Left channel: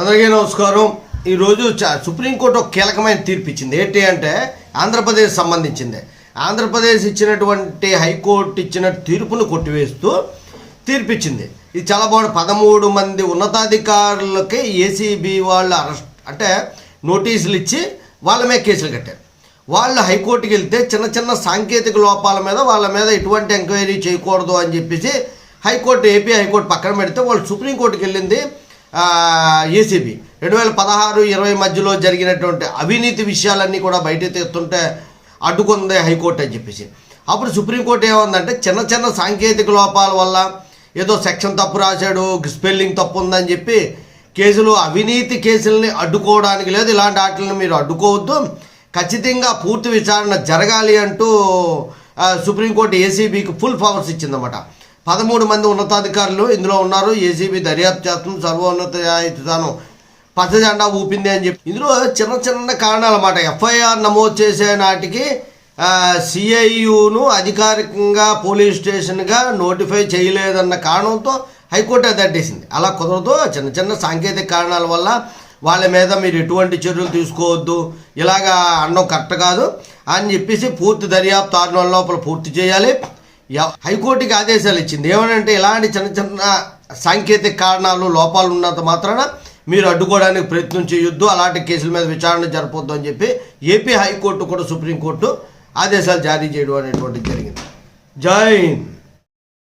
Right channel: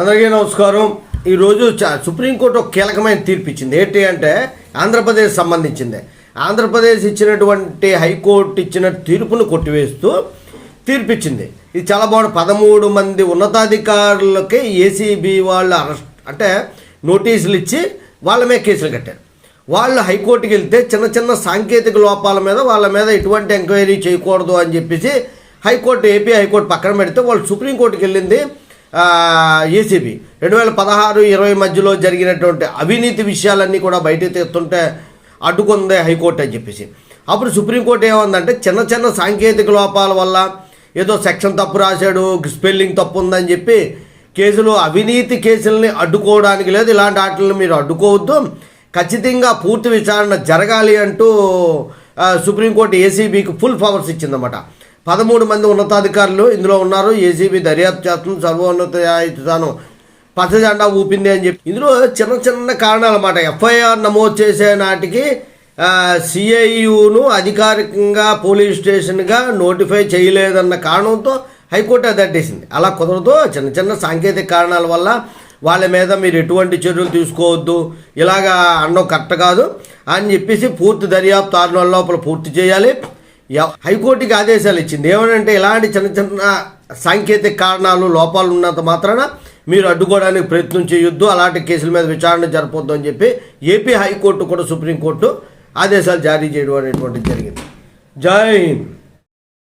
అందరికీ నమస్కారం. ఈరోజు సుప్రీంకోర్టు ఒక కీలకమైన తీర్పు ఇచ్చింది. ఏంటి అంటే ఆంధ్రప్రదేశ్ సంబంధించింది. ఆంధ్రప్రదేశ్ ఇచ్చినటువంటి హైకోర్టు ఇచ్చిన తీర్పును కొట్టివేస్తూ తీర్పిచ్చింది. ఇది చాలా బాగుంది. 13 మంది ఉన్నతాధికారులకి ఏసీబీ వాళ్ళు అరెస్ట్ అంటే నోటీసులు ఇచ్చి వాళ్ళ మీద కేసులు కట్టారు. వాళ్ళు హైకోర్టుకి వెళ్తే చిన్న చిన్న సాంకేతిక లోపాల మీద వాళ్ళ మీద ఎటువంటి ఎంక్వైరీ చేయకూడదు అని చెప్పేసి ఏపీ హైకోర్టు పక్కన పెడితే వాళ్ళు సుప్రీంకోర్టుకి వెళ్ళింది. ఏసీబీ 2016-20 మధ్యలో జరిగినటువంటి అవినీతి విషయాలన్నీ కూడా బయటకు తీస్తుంటే అడ్డుకుంది హైకోర్టు అని చెప్పేసి. అప్పుడు సుప్రీంకోర్టు ఏమందంటే చిన్న చిన్న సాంకేతిక లోపాల వల్ల ఏదో సెక్షన్ తప్పు రాశాడు, స్పెల్లింగ్ తప్పు ఉందని చెప్పి కేసులు అవినీతి కేసుల్ని అడ్డుకోవడానికి లేదు. ఇలాంటి వాటిని మీరు అడ్డుకోవద్దు, ఖచ్చితంగా పూర్తి విచారణ జరగాలి అంటూ సుప్రీంకోర్టు ఏసీబీకి ఫుల్ పవర్స్ ఇచ్చిందన్నమాట. 13 మంది ఉన్నతాధికారులు ఇందులో ఉన్నారు. ఏసీబీ దర్యాప్తు చేస్తుంది, సర్వోన్నత న్యాయస్థానం పచ్చజెండా ఊపింది అని చెప్పి ఇందులో చిన్న చిన్న కారణాలు అన్నమాట. ఎఫ్ఐఆర్ నమోదు చేసే నాటికి సిఐయును అధికారికంగా పోలీస్ స్టేషన్గా నోటిఫై చేయలేదన్న కారణంతో హైకోర్టు అది అడ్డేసింది. అలా కుదరదు, చిన్న చిన్న సాంకేతిక కారణాల వల్ల వాళ్ళ మీద మీరు ఎటువంటి చర్యలు తీసుకోవద్దు, ఇలాగా అనడం కరెక్ట్ కాదు అని చెప్పేసి పూర్తి దర్యాప్తు 6 నెలల లోపల పూర్తి చేయాలి. హైకోర్టుకి ఆదేశాలు ఇచ్చింది. ఏమనంటే ఇలాంటి చిన్న చిన్న సాంకేతిక కారణాలు లోపాలు ఉన్నంత మాత్రాన మీరు అడ్డుకోవడానికి ప్రయత్నం చేయొద్దు, అలాంటి కేసుల మీద విచారణ జరపొద్దు అని చెప్పి ఏపీ హైకోర్టు కూడా సుప్రీంకోర్టు ఆదేశాలు జారీ చేయడం అనేటువంటిది జరిగింది. జై హింద్.